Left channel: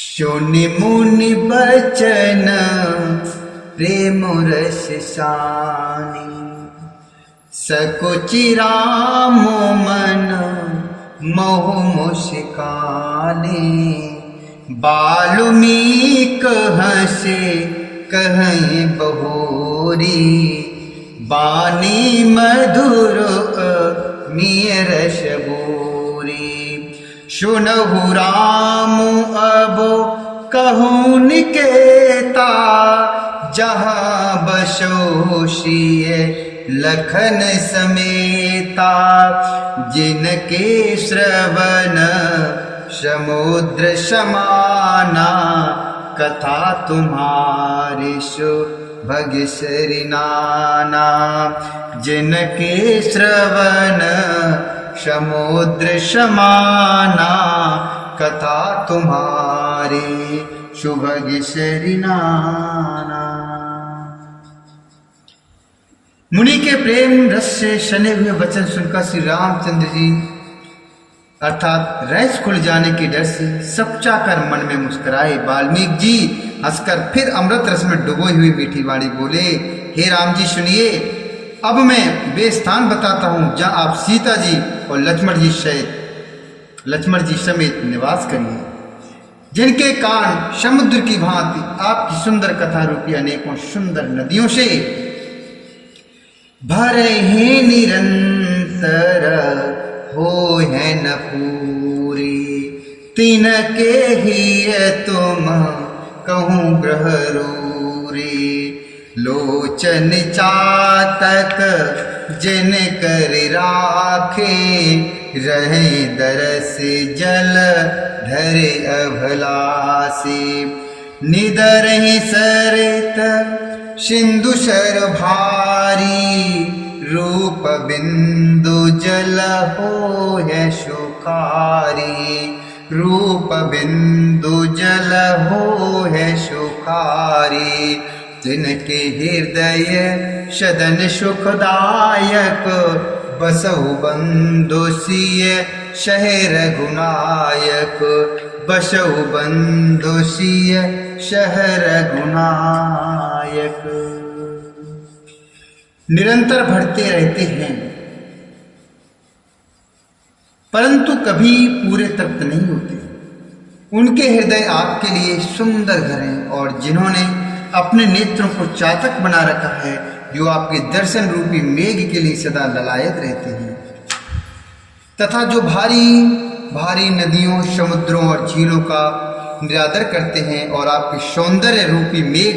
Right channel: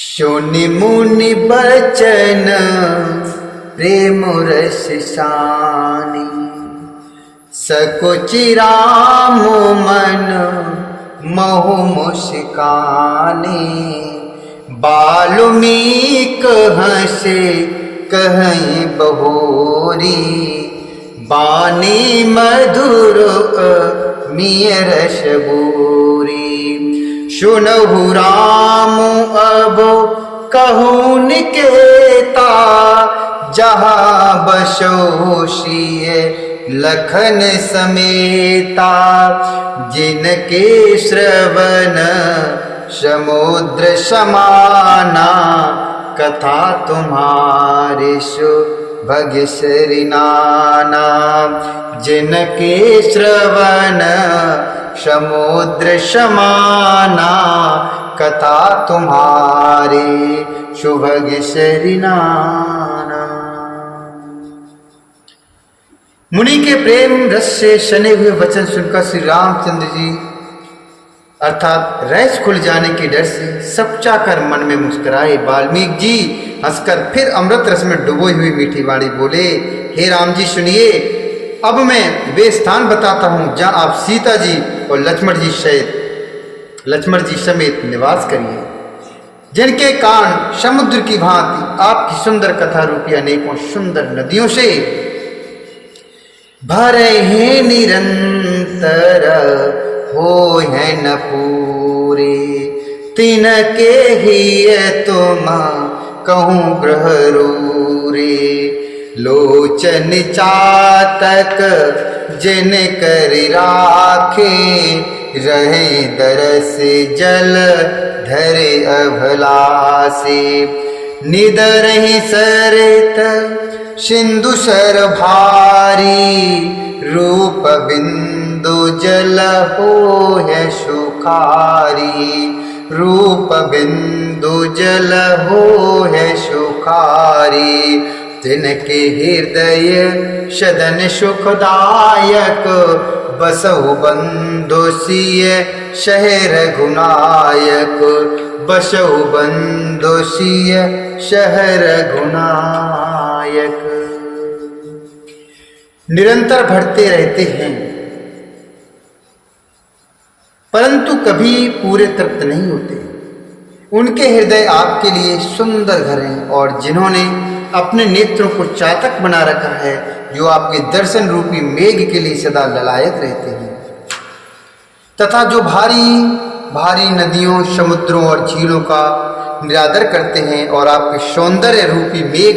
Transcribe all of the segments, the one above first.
सुनि मुनि बचन प्रेम रस सानी, सकुचि राम मन मोह मुस्काने। बाल्मीक हंसे कहीं बहोरी, बानी मधुर मिय रस बोरी। सुनहु राम अब कहूँ निकेता, जहाँ बसो सिय लखन समेता। जिनके श्रवण समुद्र समाना, कथा तुम्हारे सुभग सरि नाना। जिनके श्रवण समुद्र समाना, कथा तुम्हारे सुभग सरि नाना। मुनि के प्रेम रस से सने हुए वचन सुनकर श्री रामचंद्र जी अर्थात रस खुल जाने के डर से सपचा कर मन में मुस्कुराए। वाल्मीकि जी हंसकर फिर अमृत रस में डुबोई हुई मीठी वाणी बोले, हे राम जी सुनिए, अब मैं वे स्थान बताता हूँ जहाँ आप सीता जी और लक्ष्मण जी समेत निवास करिए, जिनके कारण समुद्र की भांति आपकी सुंदर कथा रूपी अनेकों सुंदर नदियों से भरे हैं निरंतर, हो है न पूरे। तिनके ही तुम कहूँ ग्रह रूरे, लोचन चातक जिन कर राखे। रहे दरस जल धरे अभलासे, निदरहि सरित सिंधु सर भारी। रूप बिंदु जल हो है सुखारी, रूप बिंदु जल हो है सुखारी। तिनके हृदय सदन सुखदायक, बसहु बंधु सिय शहर गुनायक। बसहु बंधु सिय शहर गुनायक। निरंतर बढ़ते रहते हैं परंतु कभी पूरे तृप्त नहीं होते। उनके हृदय आपके लिए सुंदर घर हैं, और जिन्होंने अपने नेत्रों को चातक बना रखा है, जो आपके दर्शन रूपी मेघ के लिए सदा ललायत रहते हैं, तथा जो भारी भारी नदियों, समुद्रों और झीलों का निरादर करते हैं और आपके सौंदर्य रूपी मेघ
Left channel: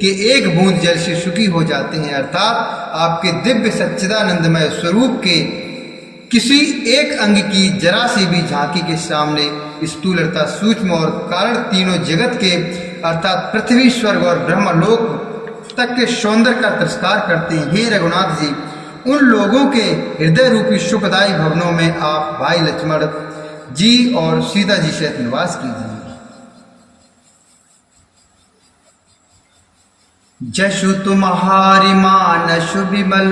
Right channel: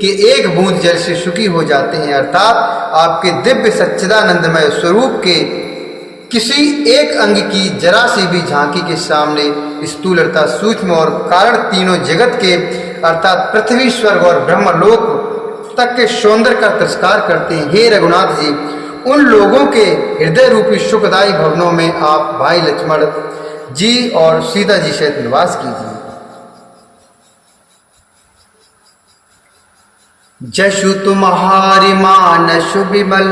के एक बूंद जल से सुखी हो जाते हैं। अर्थात आपके दिव्य सच्चिदानंदमय स्वरूप के किसी एक अंग की जरा सी भी झांकी के सामने स्थूल अर्थात सूक्ष्म और कारण तीनों जगत के अर्थात पृथ्वी, स्वर्ग और ब्रह्मलोक तक के सौंदर्य का तिरस्कार करते हैं। हे रघुनाथ जी, उन लोगों के हृदय रूपी सुखदायी भवनों में आप भाई लक्ष्मण जी और सीता जी सहित निवास कीजिए। जशु तुम्हारी मानस विमल,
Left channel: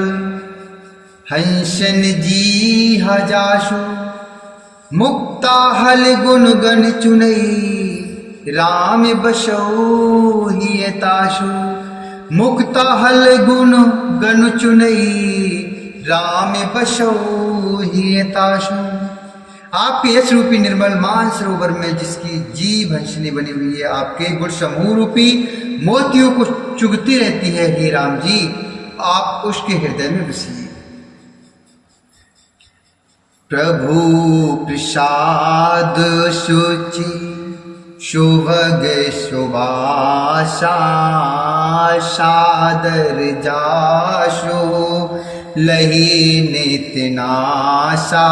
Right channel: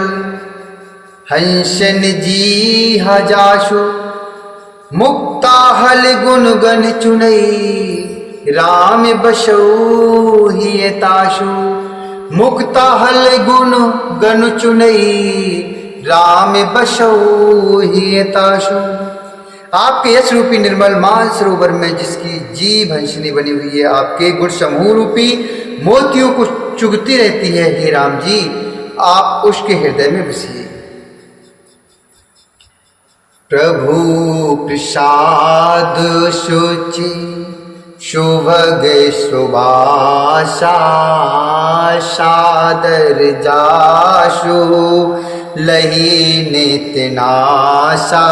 हंसन जी हजाशु। मुक्ता हल गुण गण चुनई, राम बसो ही ताशु। मुक्ता हल गुण गण चुनई, राम बसो ही ताशु। आपके यश रूपी निर्मल मान सरोवर में जिसकी जीभ हंसनी बनी हुई है, आपके गुण समूह रूपी मोतियों को चुगती रहती है। हे राम जी, आप उसके हृदय में बसिए। प्रभु प्रसाद शुचि शुभग सुभाषा। सादर जाशु लही नित्य नाशा।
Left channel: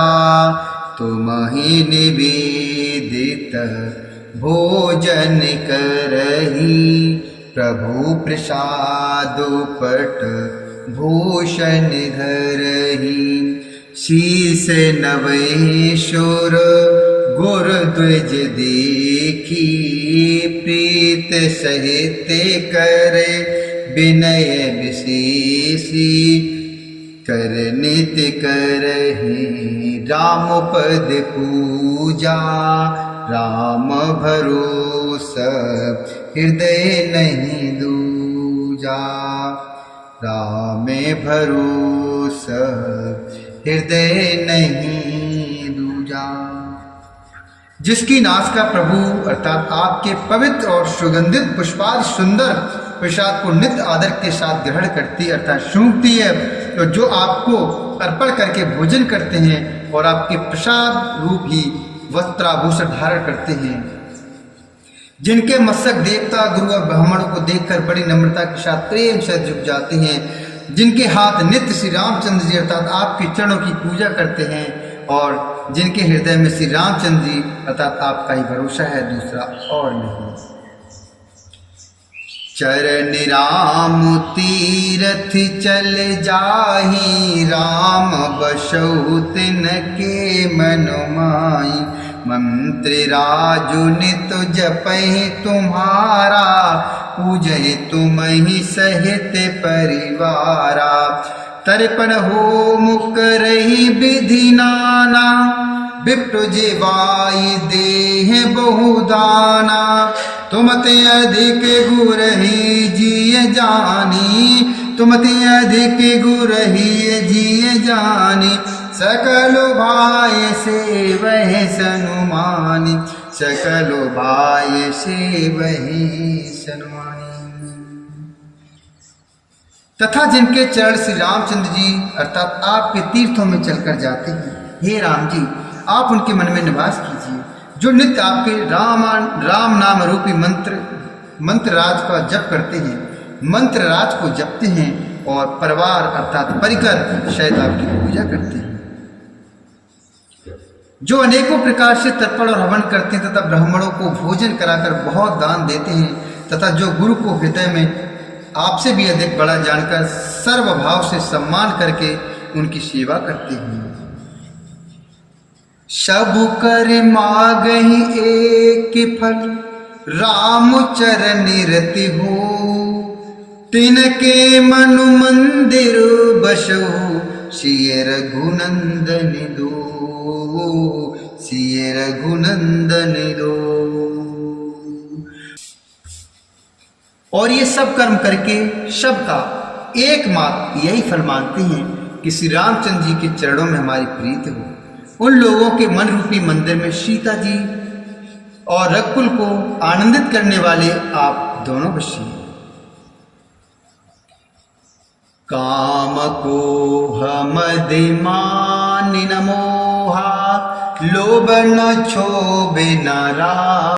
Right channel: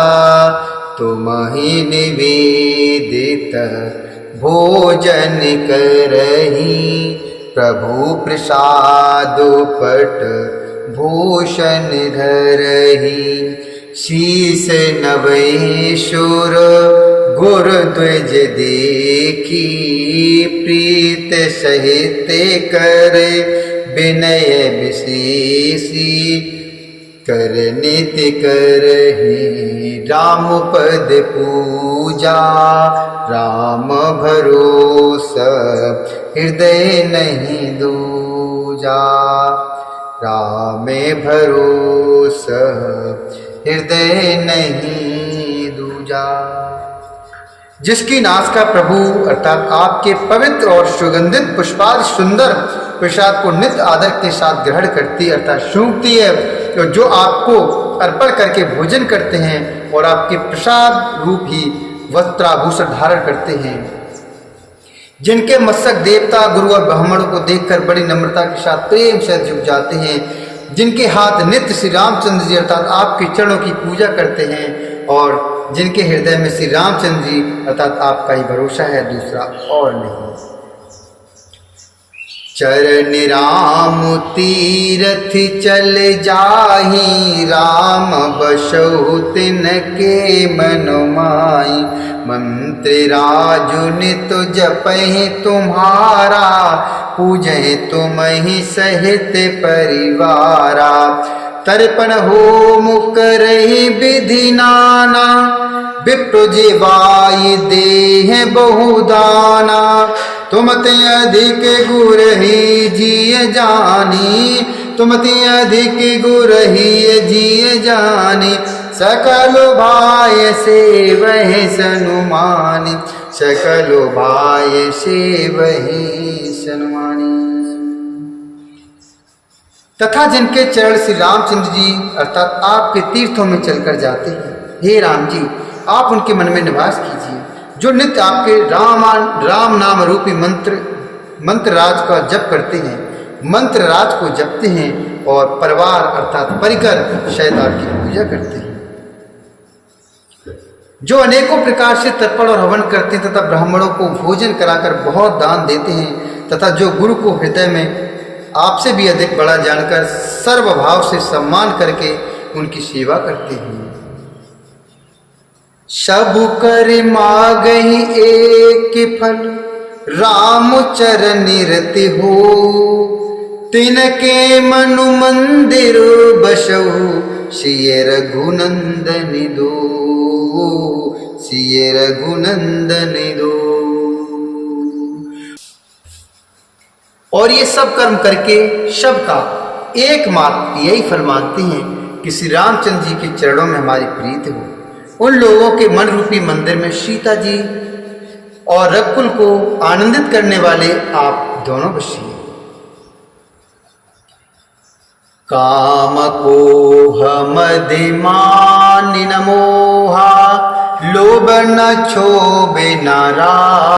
तुम ही निवेदित भोजन करही। प्रभु प्रसाद पट भूषण धरही। शीस नवैशुर गुर द्विज देखी। प्रीत सहित कर विनय विशेषी। कर नित्य करहि राम पद पूजा। राम भरोसे हृदय नहीं दूजा। राम में भरोसा हृदय नहीं दूजा। जिसकी नासिका प्रभु अर्थात आपके पवित्र और सुगंधित पुष्पादि सुंदर प्रसाद को नित्य आदर के साथ ग्रहण करती अर्थात सूंघती है, तो जो आपको अर्पण करके भोजन करते हैं और आपके प्रसाद रूप ही वस्त्राभूषण धारण करते हैं, जिनके मस्तक देवता गुरु और ब्राह्मणों को देखकर बड़ी नम्रता के साथ प्रेम से झुक जाते हैं, जिनके हाथ नित्य श्री रामचंद्र जी अर्थात आपके चरणों की पूजा करते हैं और जिनके हृदय में श्री रामचंद्र जी अर्थात आपका ही भरोसा है, दूसरा और नहीं। चरण राम तीरथ चल जाहि, राम बसहु तिनके मन माहि। मंत्र राजु नित जपहि तुम्हारा, पूजहि तुम्हि सहित परिवारा। तर्पण होम करहि विधि नाना, विप्र जीवाय देह बहुदाना। तुम ते अधिक गुरहि जिय जानी, तुम ते अधिक गुरहि जिय जानी। सकल भाय सेवहि सनुमानि, सकल भाय सेवहि सनुमानि। तथा जिनके चरण श्री रामचंद्र जी अर्थात आपके तीर्थों में चलकर जाते हैं, हे राम जी आप उनके मन में निवास कीजिए, जो नित्य आपके राम नाम रूपी मंत्र राज का जप करते हैं, मंत्र राज को जपते हैं और परिवार अर्थात परिकर शायद आपकी पूजा करते हैं, जो अनेकों प्रकार से तर्पण और हवन करते हैं तथा ब्राह्मणों को भोजन कराकर बहुत दान देते हैं, तथा जो गुरु को हृदय में आपसे भी अधिक बड़ा जानकर सर्वभाव से सम्मान करके उनकी सेवा करते हैं। सब कर मागहि एक फल, राम चरण रति हो। तिनके मनु मंदिर बसहु, सिय रघुनंदन दो, सिय रघुनंदन दो। और ये सब कर्म करके सबका एकमात्र यही फल मांगते हैं कि श्री रामचंद्र जी के चरणों में हमारी प्रीति हो। उन लोगों के मन रूपी मंदिर में सीता जी और रघुकुल को आनंदित करने वाले आप दोनों बसिए। काम को मदि मान न मोहा, लोभ न क्षोभ न राग।